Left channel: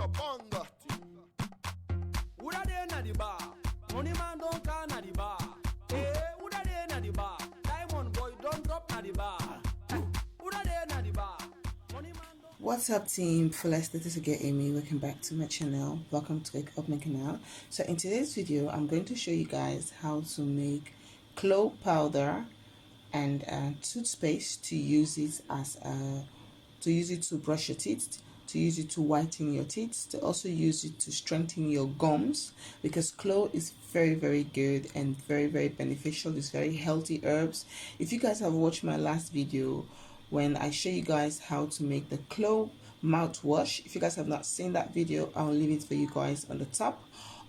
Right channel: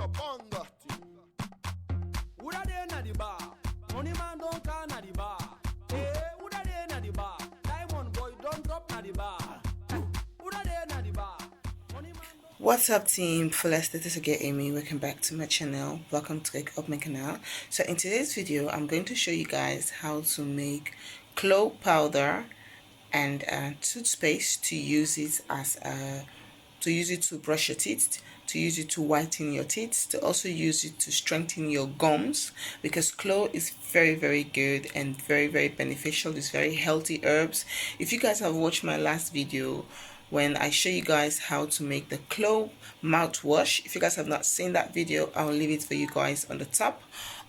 Woulda dey na the bar, money man don't call na the bar. Hey, woulda dey na the bar, diamond boy don't drop na the bar. Woulda dey na the bar, money man don't. What's up, team? Fullest, this is again Amy. Welcome back to my channel. Welcome to my canal. So in today's video, I'm going to show you guys how to make clove powder and toothpaste to use it as to brush your teeth, to use it to whiten your teeth, to also use it to strengthen your gums, because clove is very good and very beneficial. It's very healthy herbs. If you guys have watched my last video when I show you guys how to make the clove mouthwash, if you guys have not seen that video, I'll leave it for you guys on the top,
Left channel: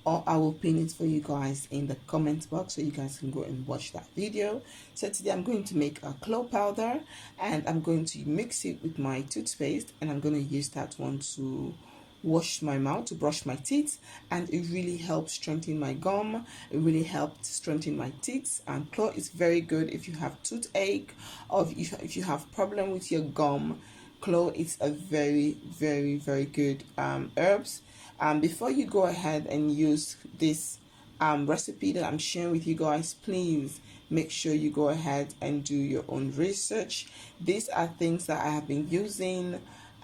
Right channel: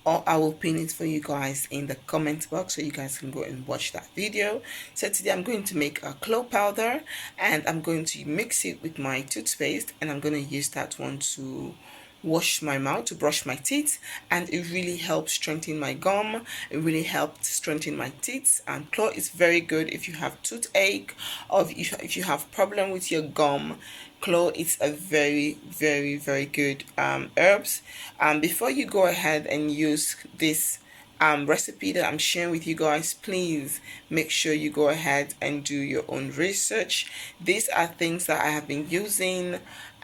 or I will pin it for you guys in the comment box so you guys can go and watch that video. So today I'm going to make a clove powder, and I'm going to mix it with my toothpaste, and I'm going to use that one to wash my mouth, to brush my teeth, and it really helps strengthen my gum. It really helps strengthen my teeth. And clove is very good if you have toothache, or if you have problem with your gum. Clove is a very good herbs. Before you go ahead and use this recipe that I'm sharing with you guys, please make sure you go ahead and do your own research. These are things that I have been using.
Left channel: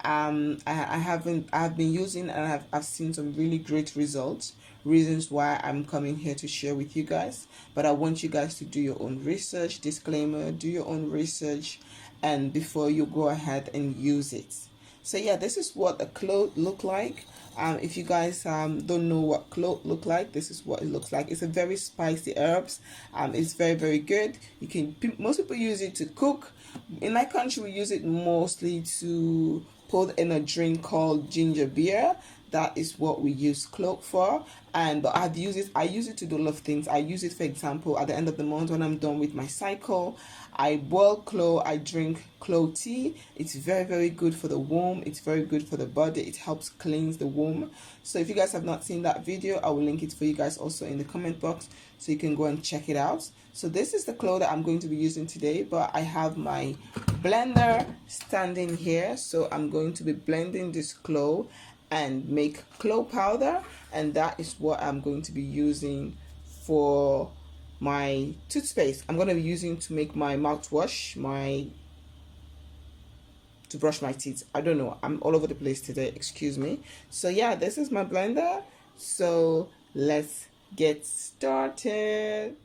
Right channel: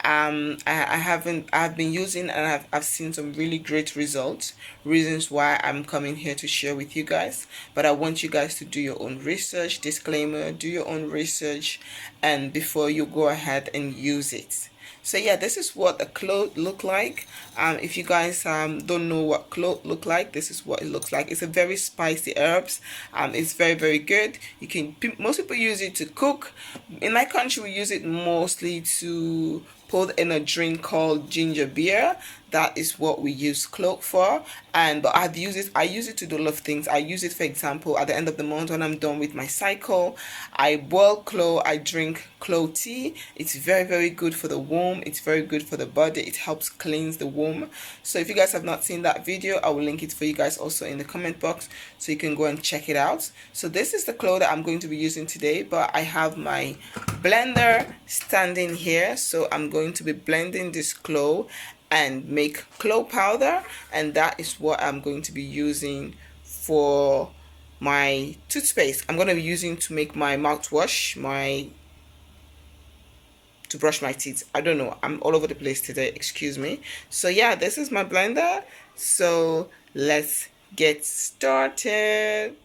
I've been using, and I've seen some really great results, reasons why I'm coming here to share with you guys. But I want you guys to do your own research. Disclaimer: do your own research and before you go ahead and use it. So yeah, this is what the clove look like. If you guys don't know what clove look like, this is what it looks like. It's a very spicy herbs. It's very good. You can, most people use it to cook. In my country, we use it mostly to put in a drink called ginger beer. That is what we use clove for. But I use it to do a lot of things. I use it, for example, at the end of the month when I'm done with my cycle, I boil clove, I drink clove tea. It's very good for the womb. It's very good for the body. It helps cleanse the womb. So if you guys have not seen that video, I will link it for you guys also in the comment box so you can go and check it out. So this is the clove that I'm going to be using today, but I have my blender standing here, so I'm going to be blending this clove and make clove powder, and that is what I'm going to be using for my toothpaste. I'm going to be using to make my mouthwash, to brush my teeth. I don't know, I'm all over the place today, excuse me. So yeah, this is my blender, so let's get started.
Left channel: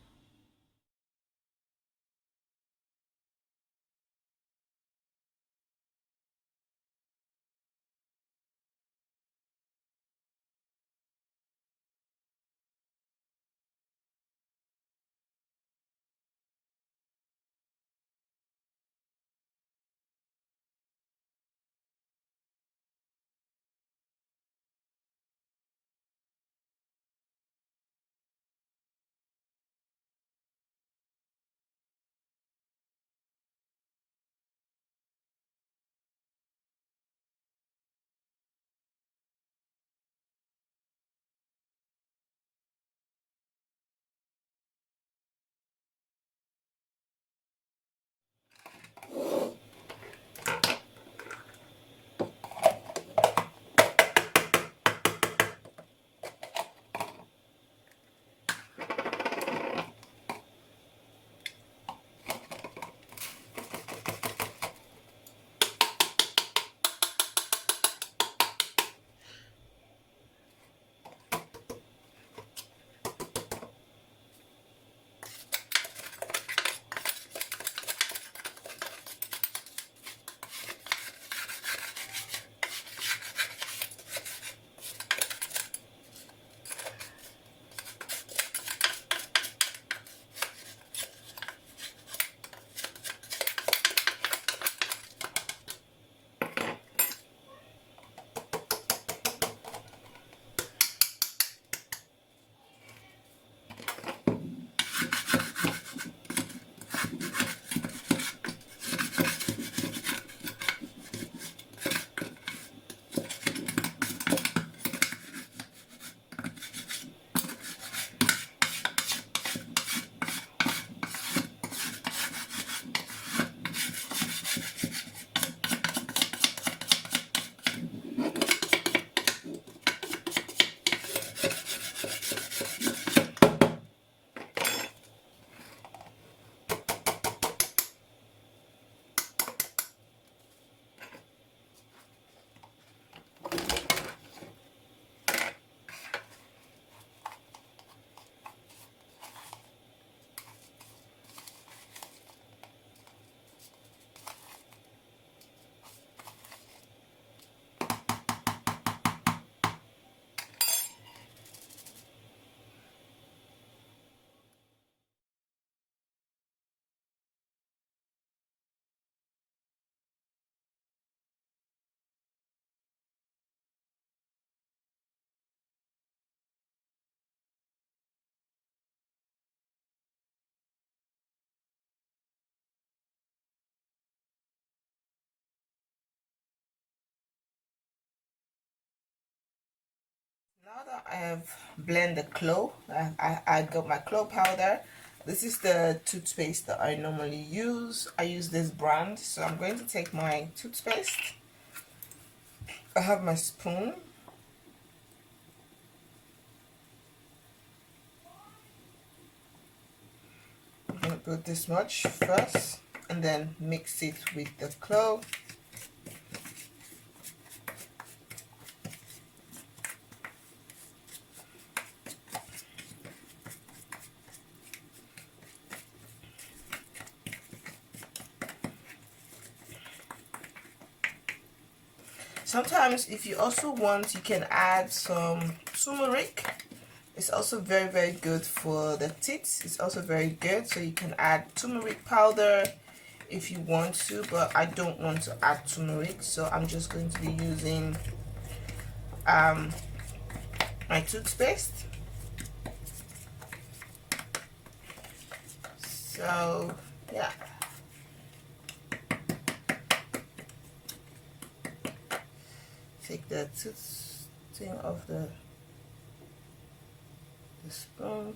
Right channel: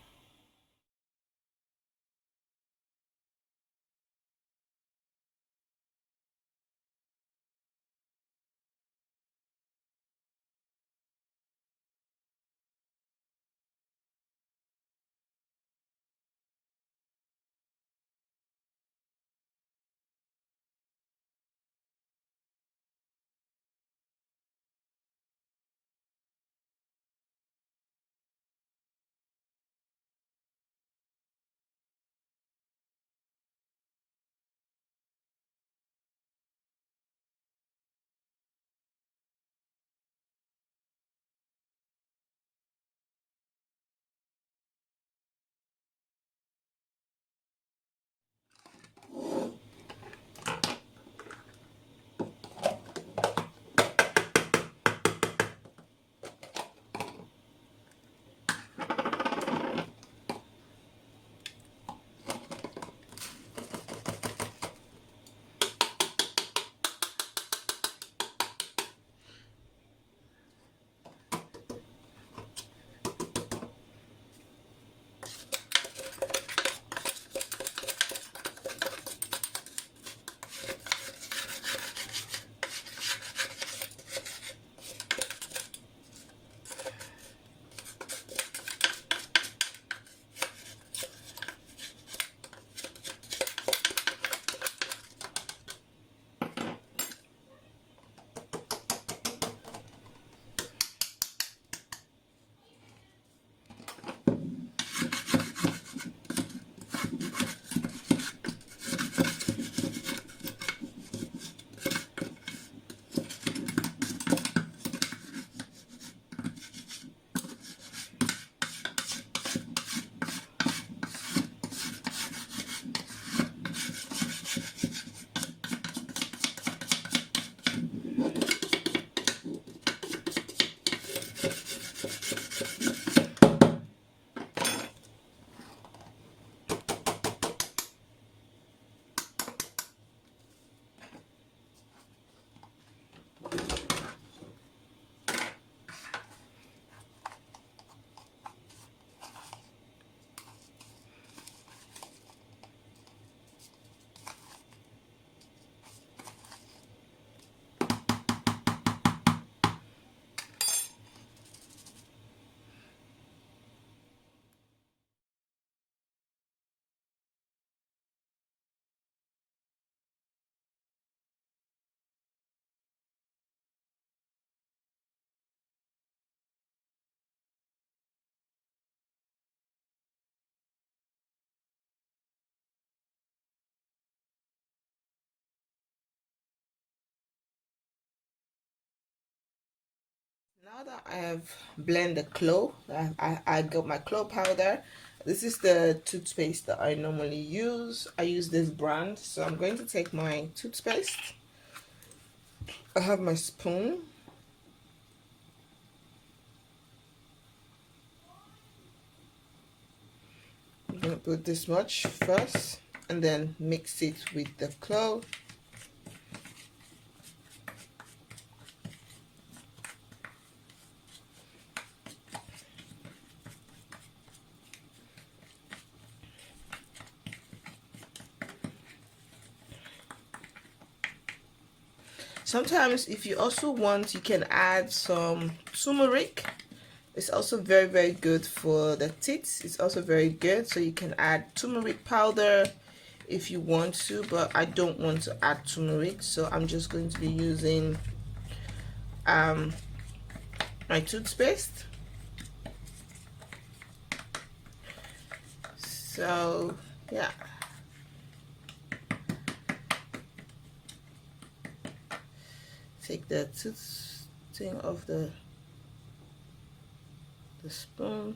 I have blended the clove. I got my clove powder. This is the toothpaste that I normally use. I use this brand, so I'm going to take my toothpaste. I have my spoon. I'm going to put this much first and then mix it with the clove. Sometimes if you also want, you can add some turmeric. It's also very good for the teeth. It's also very good, so you can add turmeric powder if you want to, but I don't want to add turmeric, so I'm just going to be using my toothpaste. So yeah, take the tooth thing off the spoon.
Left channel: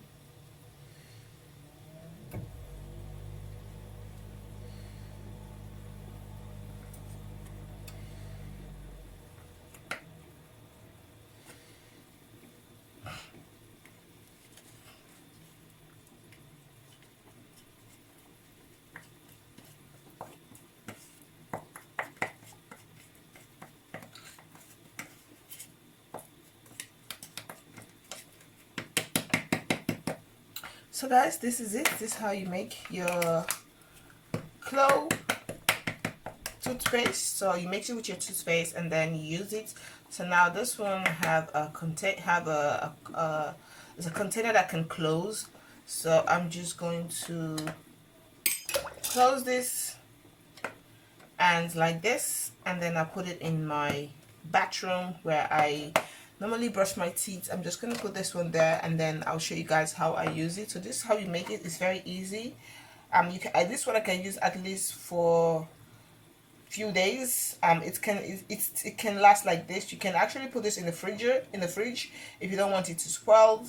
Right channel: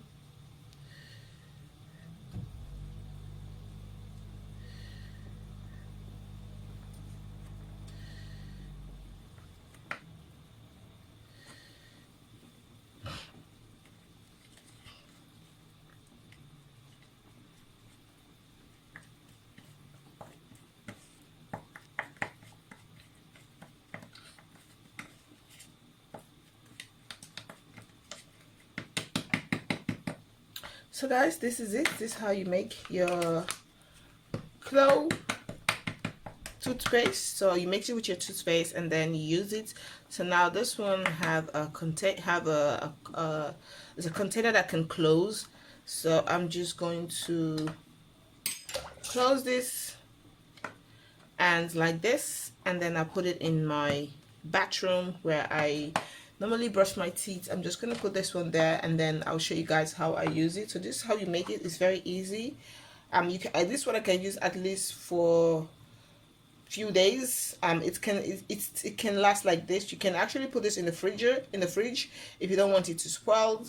So guys, this is it. This is how you make your clove toothpaste. So you mix it with your toothpaste and then you use it. So now this one have a there's a container that can close. So I'm just going to close this and like this, and then I put it in my bathroom where I normally brush my teeth. I'm just going to put this one there and then I'll show you guys how I use it. So this is how you make it. It's very easy. This one I can use at least for few days. It can last like this. You can actually put this in the fridge if you don't want it to spoil.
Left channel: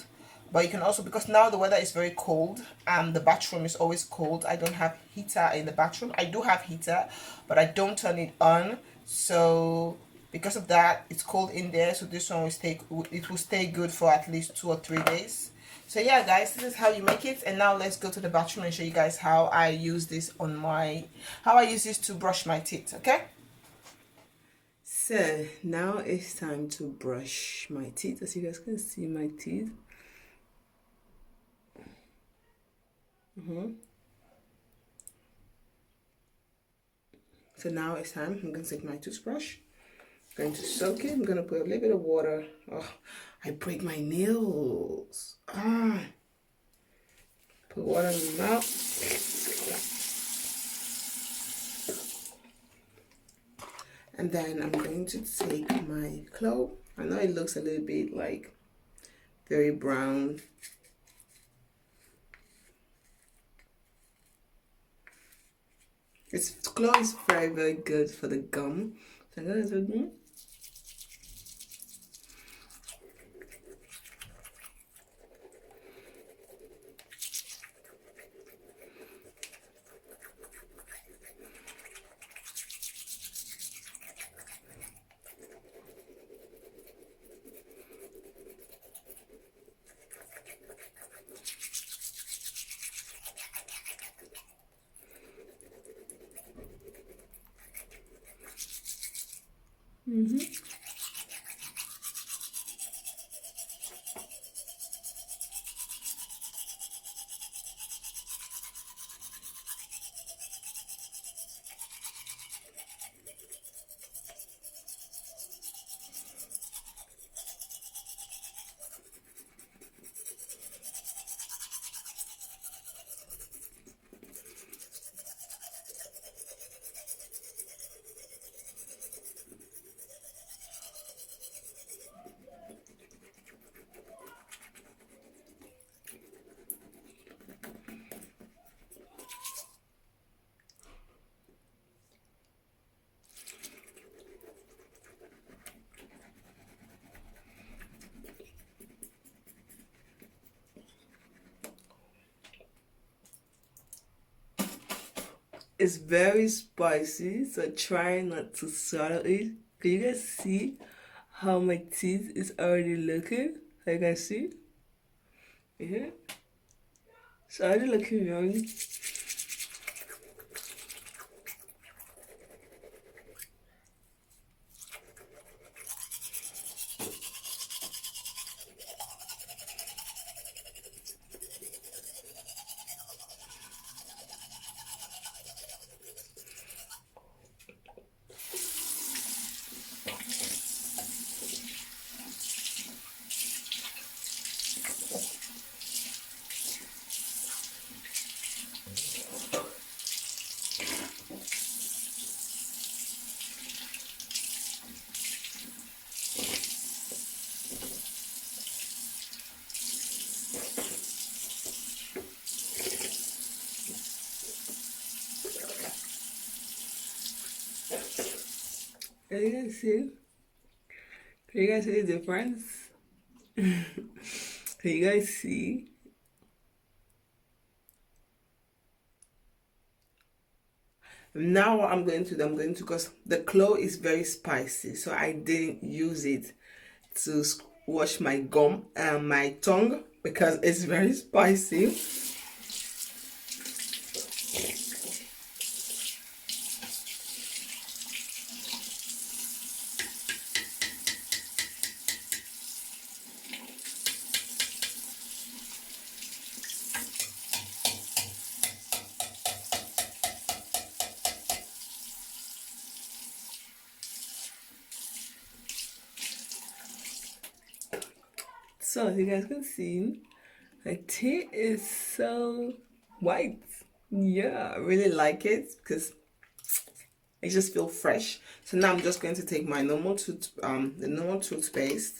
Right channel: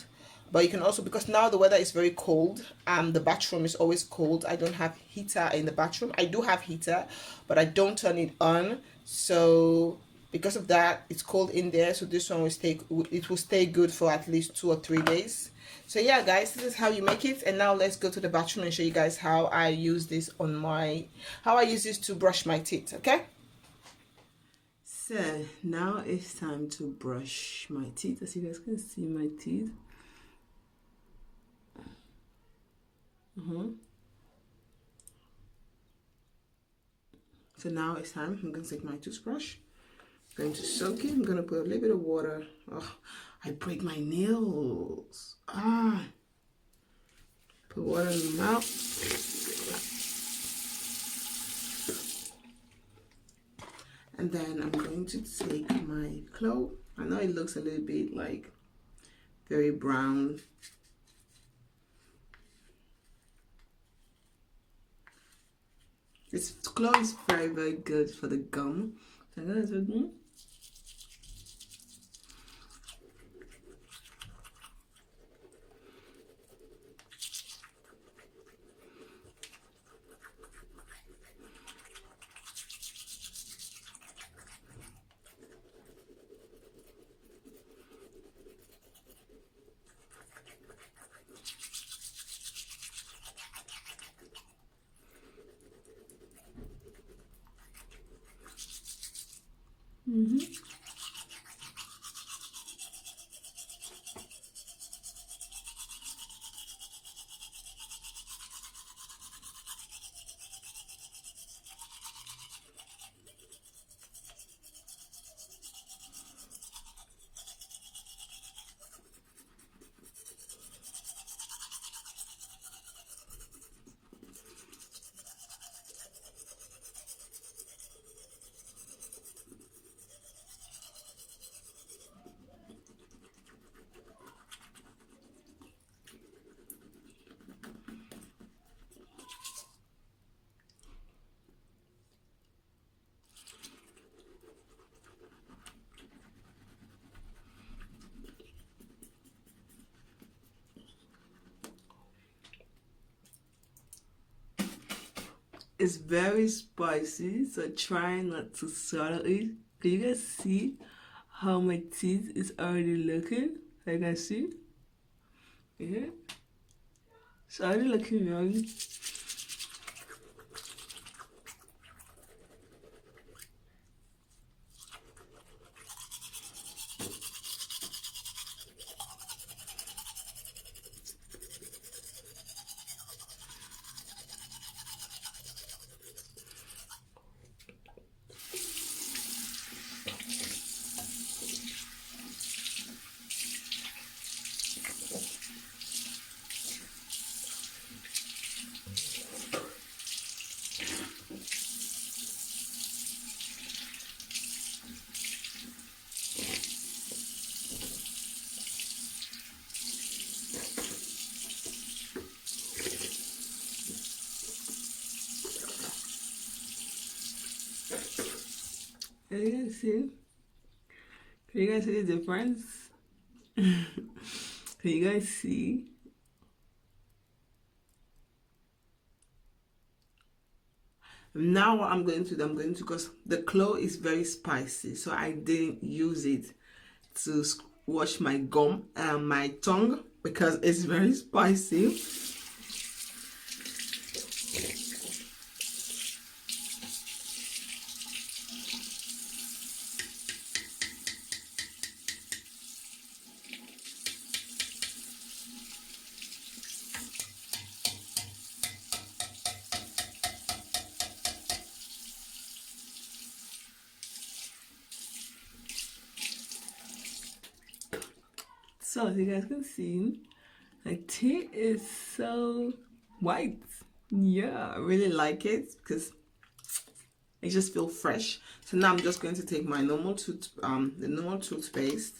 But you can also, because now the weather is very cold and the bathroom is always cold. I don't have heater in the bathroom. I do have heater, but I don't turn it on. So because of that, it's cold in there. So this one will stay good for at least 2 or 3 days. So yeah guys, this is how you make it. And now let's go to the bathroom and show you guys how I use this to brush my teeth. Okay, so now it's time to brush my teeth. As you guys can see, my teeth. So now it's time. I'm going to take my toothbrush. I'm going to soak it. I'm going to put a little bit of water. Oh, I break my nails. Put water in my mouth. And then I'm going to take my clove. I know it looks a little bit like very brown. Clove is very good for the gum. So I'm gonna do It's very spicy, so try not to swallow it. Can you guys see how my teeth is already looking? Can you guys see? Yeah. It's already looking yummy. Can you guys see? Can you guys see the difference? Can you guys see? Now what I'm going to do, because the clove is very spicy, so I didn't use it to wash my gum and my tongue because it's very spicy. So as you guys can see, my teeth is so white. Yeah, I really like it because it just feels fresh. So now I'm just going to take my normal the normal toothpaste,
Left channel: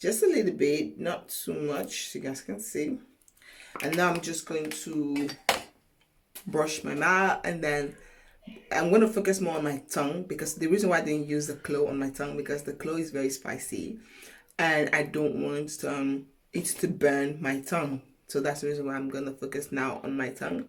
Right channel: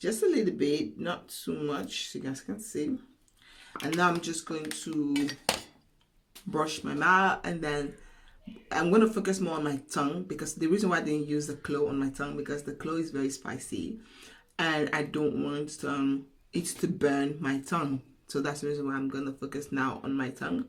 just a little bit, not too much, so you guys can see. And now I'm just going to brush my mouth, and then I'm going to focus more on my tongue, because the reason why I didn't use the clove on my tongue, because the clove is very spicy and I don't want it to burn my tongue. So that's the reason why I'm going to focus now on my tongue.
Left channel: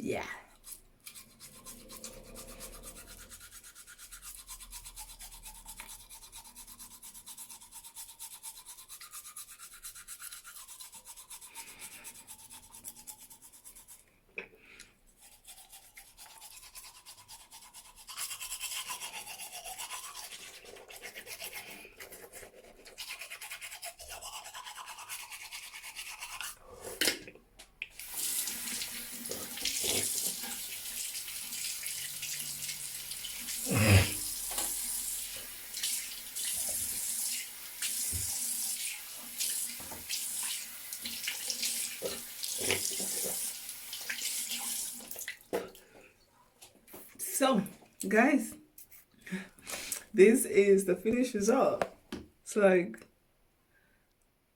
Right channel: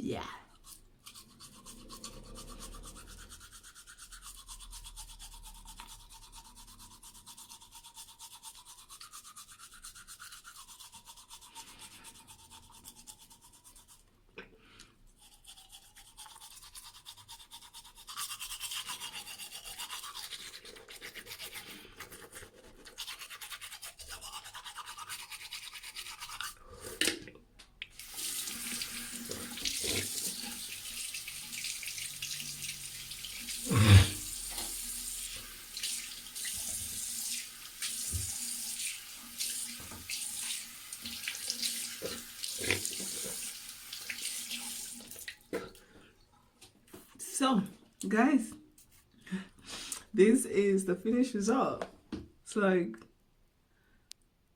Yeah. So guys, this is the finished result. So like,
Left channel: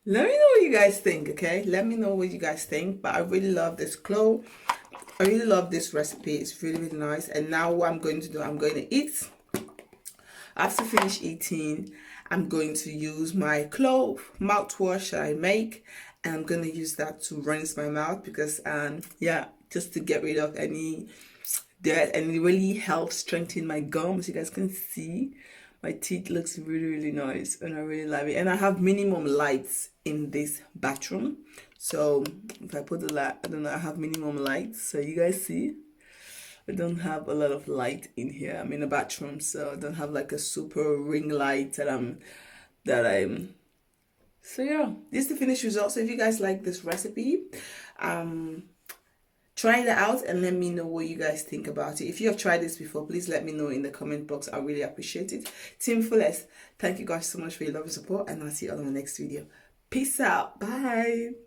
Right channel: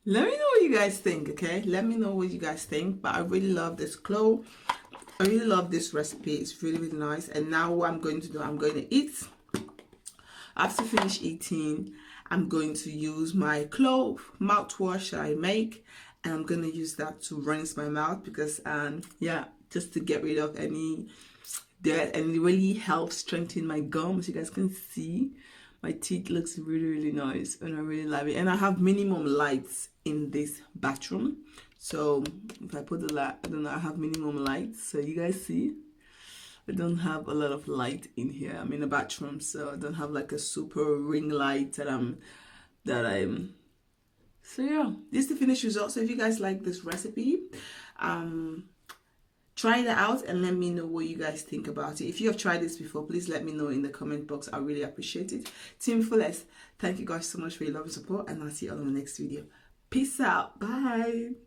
let me know what you guys think, okay? Let me know what you guys think. But I really love this clove. I really love this recipe. It's really, really nice. And now what I'm going to do, I'm going to eat. After finish eating, I'm going to use my clove mouthwash that I make, and I'm going to use that to rinse my mouth, because yeah, just to get rid of any dirt, and it really helps strengthen my gums. You guys can see my teeth looks really, really nice, and I really love it. And I have minimum lights in this bathroom, so if I put the light, I don't know, I have minimum lights, so you guys see. I don't have a lot of light in here. I'm in a bathroom, so I don't have like a super ring light that I'm so yeah, this is the finished result. So if you guys like this recipe, try it out and let me know what you guys think about it. If you have tried this before, please let me know in the comment box. I really appreciate it. Team Fullest, thank you guys so much for your love and support, and I'll see you all in the next video. Peace out. Bye.